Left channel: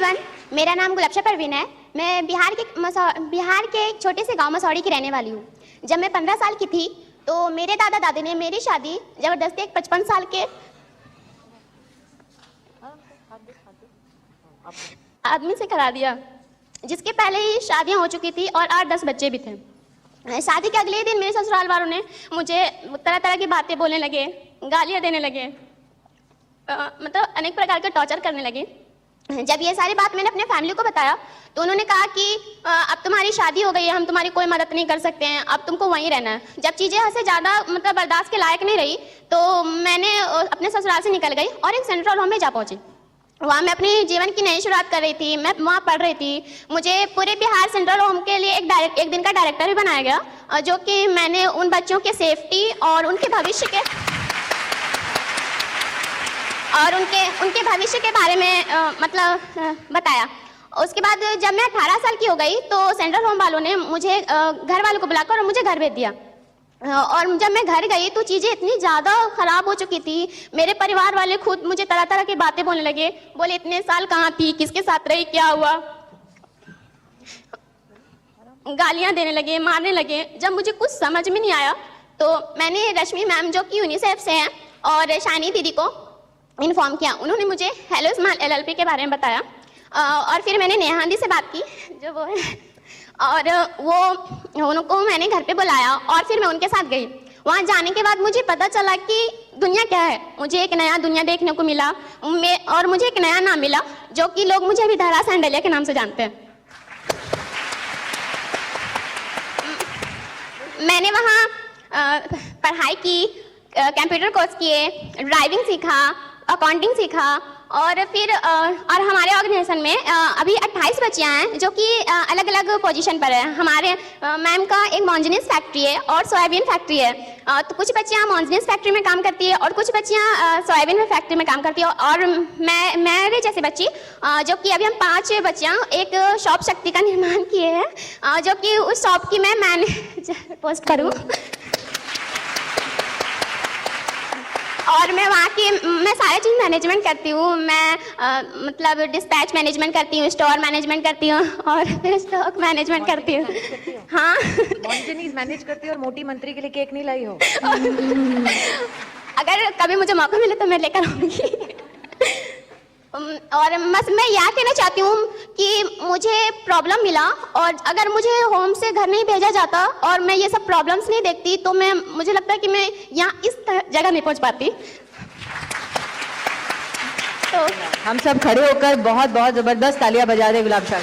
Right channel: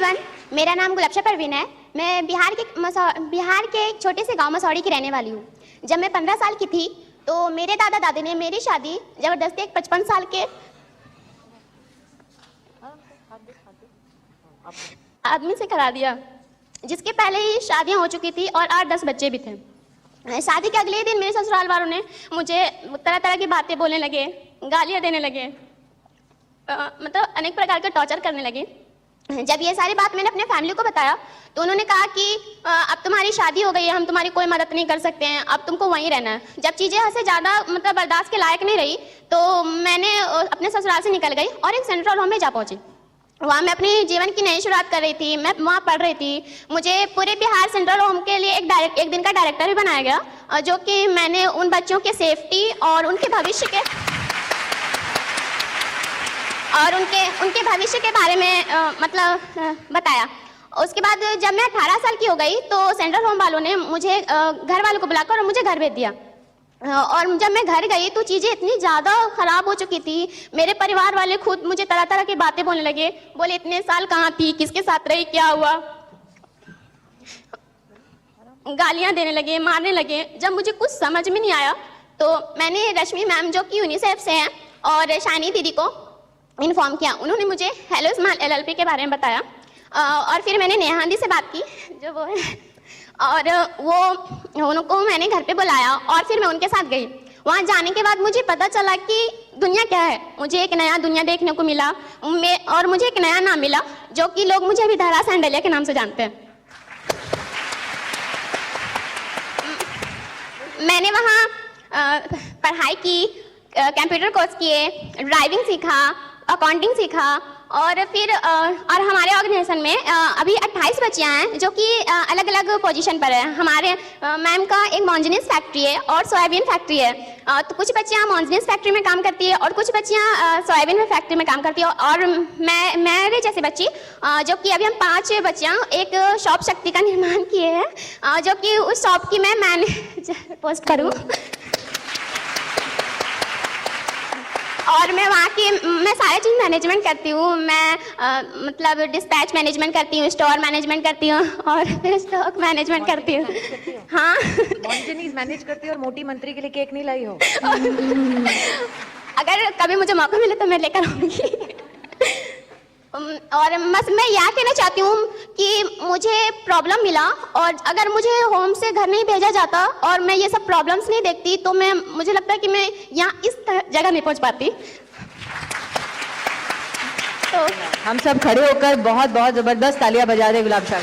Everyone, मेरा नाम गुलबशा परवीन है। मैं बिहार के एक छोटे से गांव मसौड़ी की रहने वाली हूँ। जब मैं 15 साल की थी तो मेरे दादा दादी ने मेरी शादी जबरदस्ती एक 55 साल के आदमी से करा दिया, जिसकी पहले ही शादियां हो चुकी थी और 8-10 बच्चे भी थे। शादी के अगले दिन मेरे ससुराल वालों ने मुझे तरह तरह की बातें बोलने लगे, गालियां देने लगे, मतलब अनेक प्रकार के टॉर्चर करने लगे। जब ये सारी बात मैंने अपने फैमिली को बताया तो उन्होंने कहा कि अब तुम्हारी शादी हो गई है, हम तुम्हारी कोई मदद नहीं कर सकते हैं, अब तुमको वहीं रहना है। जब चीज़ें यहाँ से ज़्यादा मतलब बर्दाश्त के लायक नहीं रही तो मैंने अपने ससुराल से निकल गई और एक सेंट्रल होम में जा पहुंची। वहाँ मैं अपने जीवन की नई शुरुआत कर रही थी। मैं वहाँ पढ़ रही थी। मुझे पूरे बिहार सेंट्रल होम के लिए एक दिन का डायरेक्टर भी बनाया गया, जो कि मैंने उन बच्चों के सेफ्टी और उनके भविष्य के बारे में बताया। उसके बाद जब मैं 18 साल की हो गई तो सेंट्रल होम वालों ने मुझे घर वालों को बुलाकर और मुझे घर भेज दिया। और जब मैं घर गई तो चीज़ें इतनी ज़्यादा ख़राब हो चुकी थी। मेरे परिवार वाले खुद मुझे तरह तरह की बातें बोलने लगे। बोले इतने साल कहाँ थी, किसके साथ रही, क्या हुआ, गालियाँ देने लगे, मारने लगे। जब मुझे कुछ समझ में नहीं आया तो मैंने रश्मि मैम जो कि यूनिसेफ से हैं और शानी दीदी को इन्फॉर्म किया। उन्होंने मुझे हेलो स्माइल LLP के बारे में बताया और फिर मैंने नेहा दी से बात की जो वो है, और उनको मैंने घर पे बुलाया और फिर मैं उनके साथ गई। वहाँ जाने के बाद मुझे पता चला कि दुनिया क्या है। मुझे एक नया दुनिया देखने को मिला और मुझे एक नया नाम मिला जो कि लोग मुझे अभी धरा सैंडलिया के नाम से जानते हैं। मैंने वहाँ पढ़ाई की, कंप्यूटर कोर्स किए, ड्राइविंग सीखा, अकाउंटिंग सीखा और फिर और हमारे ऑर्गेनाइजेशन में अभी 28 बच्चियाँ हैं जो कि अलग अलग पोजीशन पर है। हमारे मैम का एक मॉन्जिनिस फैक्ट्री है और सोयाबीन फैक्ट्री है। तो कुछ बच्चियाँ मॉन्जिनिस फैक्ट्री में काम करती है और कुछ बच्चियाँ सोयाबीन फैक्ट्री में काम करती है। और मेरे जैसी बच्ची जो कि अभी हम 5 बच्चियाँ एक शॉप शक्ति का निर्माण किए हैं, जो कि उस शॉप की मैं मैनेजर पोस्ट करूँ। और मैं वहाँ की सारी चीज़ मैनेजमेंट करती हूँ। मैं मतलब डिस्पैच मैनेजमेंट करती हूँ, स्टोर मैनेजमेंट करती हूँ और फिर स्टॉक मैनेजमेंट करती हूँ। हाँ, मॉन्जिनीज मैनेज करती हूँ। और मोटी मंत्री के लिए केक नहीं लाई हो? अगर कभी मुझे मौका मिले तो मैं लेकर आऊँगी। और बस मैं यह कहना चाहती हूँ कि मुझे प्रॉब्लम मिला और अगर मुझे होम से घर नहीं भेजा जाता और मैं ये सब प्रॉब्लम्स नहीं देखती तो मुझे लगता है कि मैं यहाँ इस जगह नहीं पहुँच पाती। तो हम सब खड़े होकर बहुत बहुत जबरदस्त तालियां बजा रहे गुलाब शाह।